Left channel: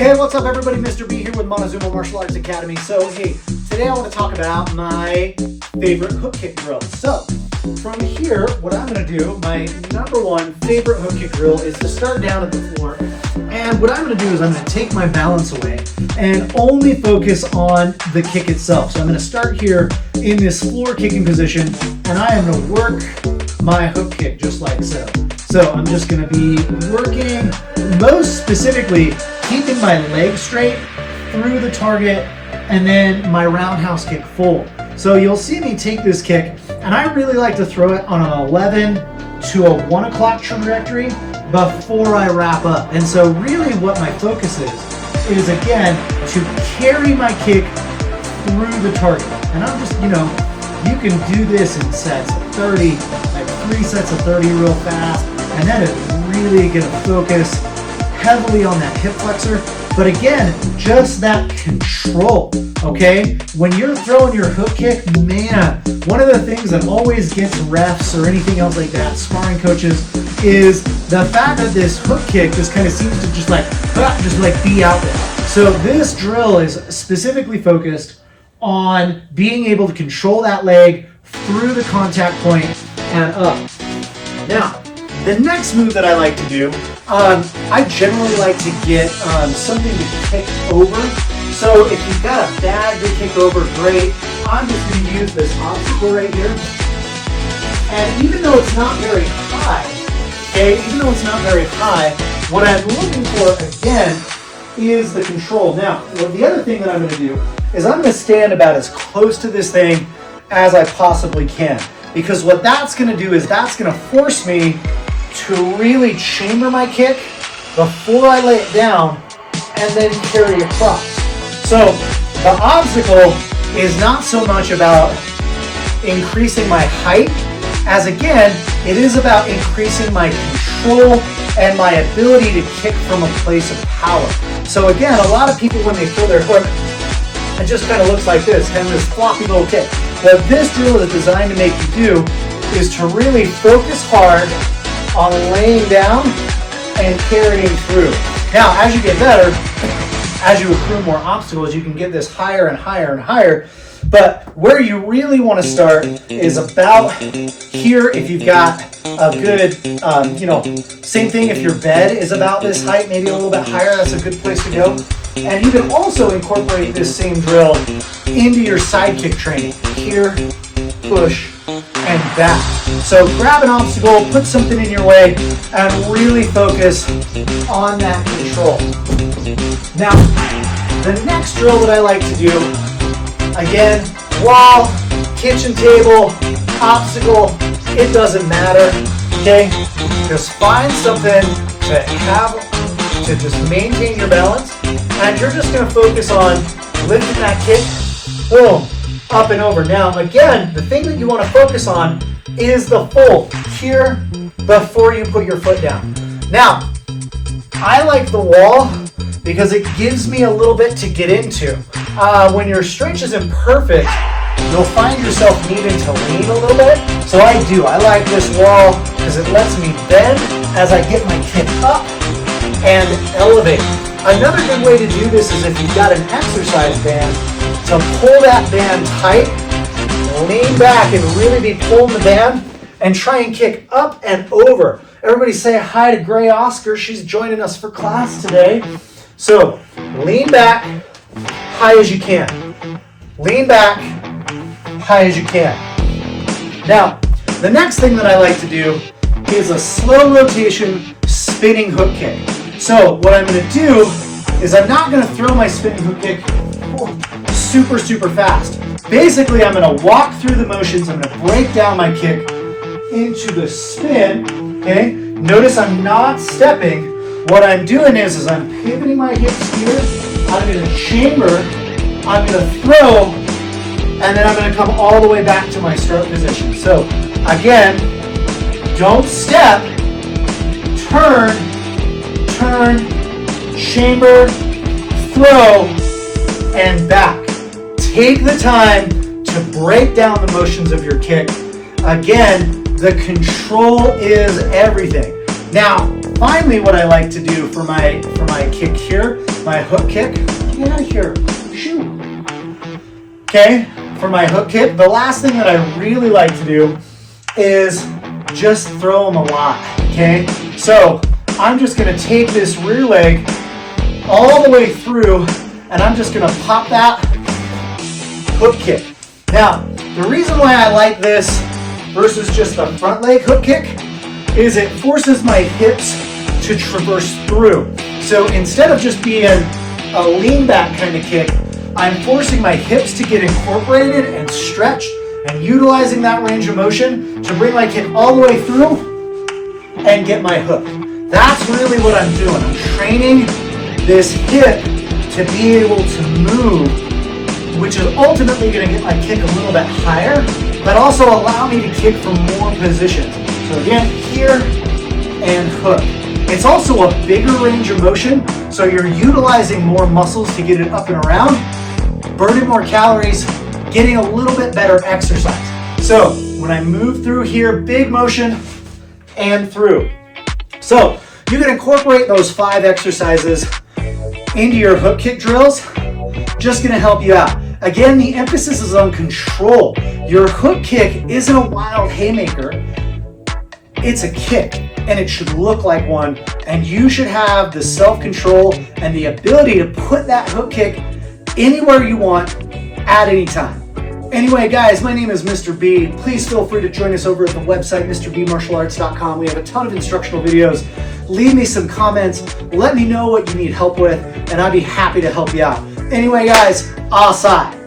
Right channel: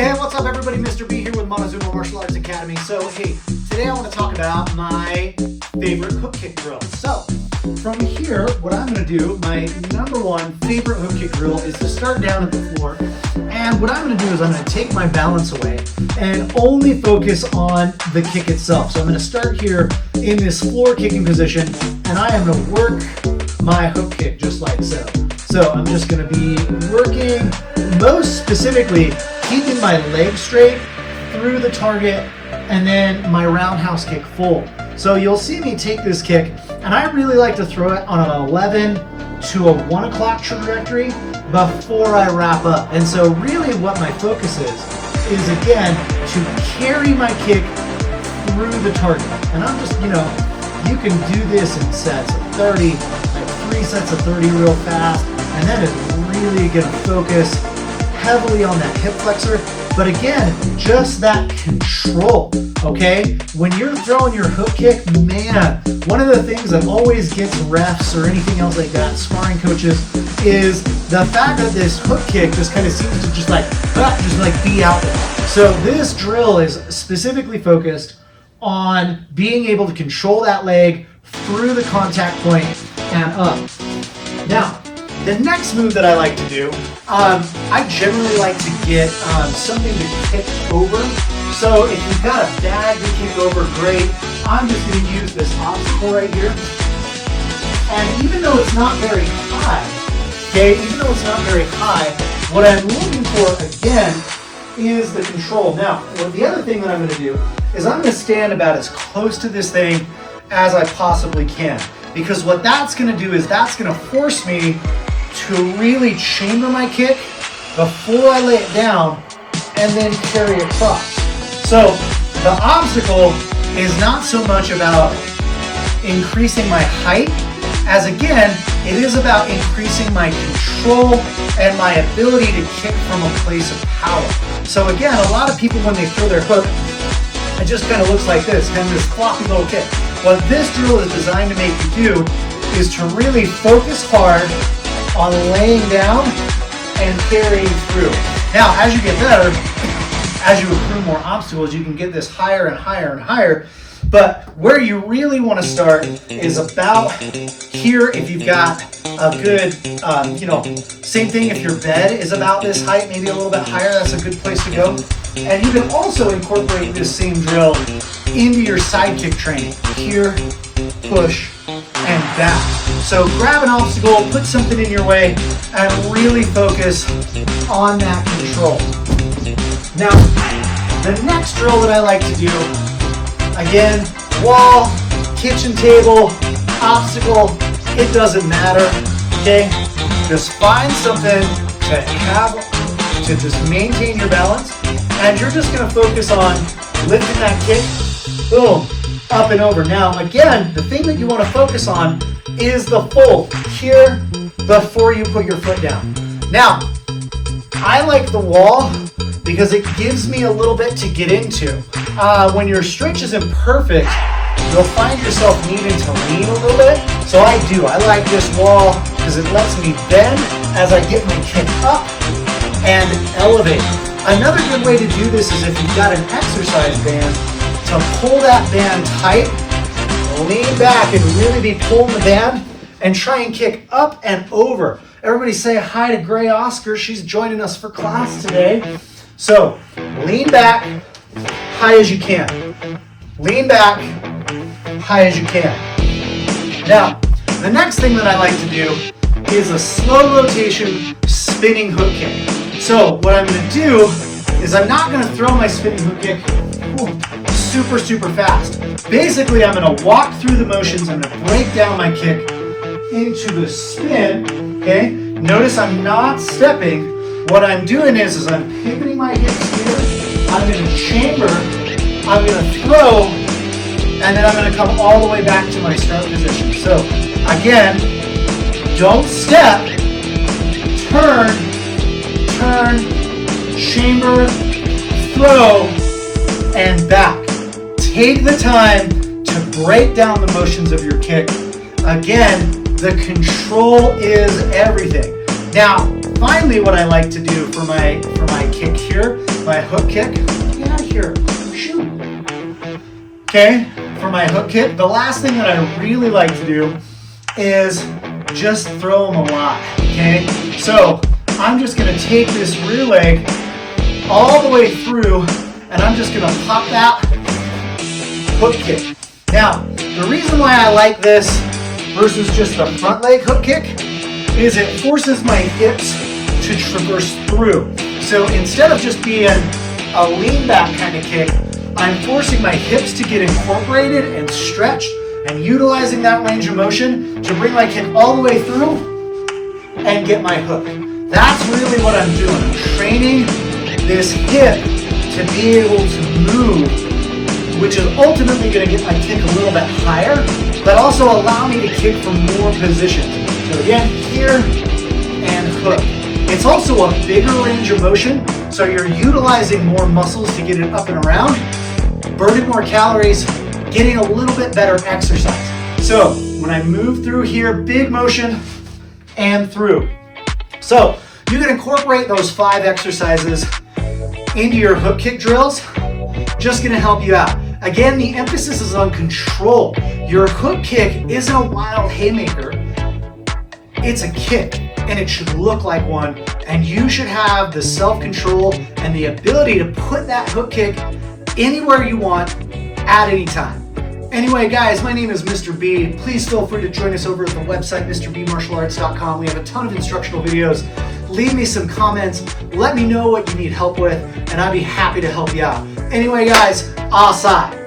Hey, what's up everybody? Mr. B here with Montezuma Martial Arts Academy. So, hey, today I want to talk about my favorite hook kick drill. So, from here, what I'm going to do, my number one favorite hook kick drill is to start down at the floor. And what I'm going to do is I'm going to take my balance away and only focus on the kick itself. So I'm going to start here in this floor kicking position, and I am going to work my hook kick just like so. So I'm just going to be working, most specifically, keeping my leg straight through the target and then my roundhouse kick full. So you'll see me take this kick, and I really like to throw it on an 11 to a 1 o'clock trajectory before I wrap up. And so really what my focus is again to carry my kick through the target. And I'm just, you can do this in sets of 30, like 3 sets of 30 real fast, and that is really gonna focus heavily on that hip flexor. But again, just that control, okay? When you're throwing your hook kick, man, one of the things that always gets refs or anything else like that, sparring coaches, is the fact that this hook kick just kind of seems to just like be out there. So this drill is specifically focused on being able to control that leg through the contact point and up. Now, the next move that I like to do, I generally like to get something to kick over. So if you've got a bag to kick over, great. I'm just going to use this obstacle right here. And even though it's not very high, what I'm looking for, again, is the control. Now, the other thing that I'm going to do is I'm going to stand about as close to this thing as I possibly can. Because what that's going to do is that's going to force me to really chamber my kick before I lay it down and then carry it across. So the obstacle is not so much about increasing my height as, again, it is about increasing my control and my ability to kick from a place of power. So again, a lot of people when they throw their hook, it just kind of looks like this, kind of this floppy little kick. What this drill is designed to make you do is to really focus hard on laying down and carrying through. Now, as you get better, as you accrue more obstacles, you can get this higher and higher and higher. But where you really want to start is about here. If you've got a good, same thing if your bed is about this height, maybe a little bit higher, that's a good place to go. And you can also incorporate this same drill into your side kick training. Here, push, and back. So grab an obstacle, put something in your way, and really focus on that control. Now, the next drill that I like to do, again, wall, kitchen table, obstacle, it doesn't matter, okay? Just find something to just maintain your balance, and you're just gonna focus on lifting that kick, boom, up and over. Now, again, the thing that you wanna focus on is the fold here before you put your foot down. Now, I like the wall because it gives me a little bit to get into. When your stretch isn't perfect, you'll find yourself needing to lean a little bit. So I like this wall because it lets me bend as I get my kick up and elevate. Another good way to do this is if you've got an exercise band, to pull that band tight, lean back and really be pulling the band and try and kick up and over. Everybody say hi to Gray Oscar. She's joining us for class today. So lean back, high as you can. Lean back, high as you can. Now, the next thing that I like to do is a slow rotation spinning hook kick. So what I'm going to do is I'm not going to throw my spinning hook kick super, super fast. Basically, I'm going to walk through the motions. I'm going to break down my kick into the spin, okay? Notice I'm not stepping. What I'm doing is I'm pivoting my hips here. I'm going to chamber. I'm going to throw, and then I'm going to come all the way back to my start position. So again, don't step, turn, chamber, throw, and back. Take the time to break down the motions of your kick. Again, the control is everything. Now, finally, what I like to do for my kick here my hook kick. Get out of here. Shoot. Okay, for my hook kick, the last thing that I really like to do is just throw them a lot, okay? So I'm just gonna take this rear leg all the way through, and I'm just gonna pop that hook kick. Now, the reason why I like this versus just a front leg hook kick is it forces my hips to traverse through. So instead of just being a lean back kind of kick, I'm forcing my hips to get incorporated and stretched and utilizing that range of motion to bring my kick all the way through and get my hook. That's really what I'm doing. I'm training this hip to be able to move, which is ultimately going to get my kick a little bit higher, but also allow me to kick from more positions. So again, here and hook. It's also a bigger range of motion, so you're utilizing more muscles to get it up and around, burning more calories, getting a little bit better exercise. So when I move through here, big motion and through. So you can incorporate those 5 exercises into your hook kick drills. Just gonna help you out. Again, the emphasis is on control. Your hook kick isn't a wild haymaker. It's a kick, and it should look like one, and you should have the self-control and the ability to put that hook kick anywhere you want at any time. Anyway, guys, my name is Mr. B. Please feel free to join us over at the website, MrBMartialArts.com. We have a ton of instructional videos. Leave me some comments. Let me know what you need help with, and I'd be happy to help you out. Anyway, guys, aside.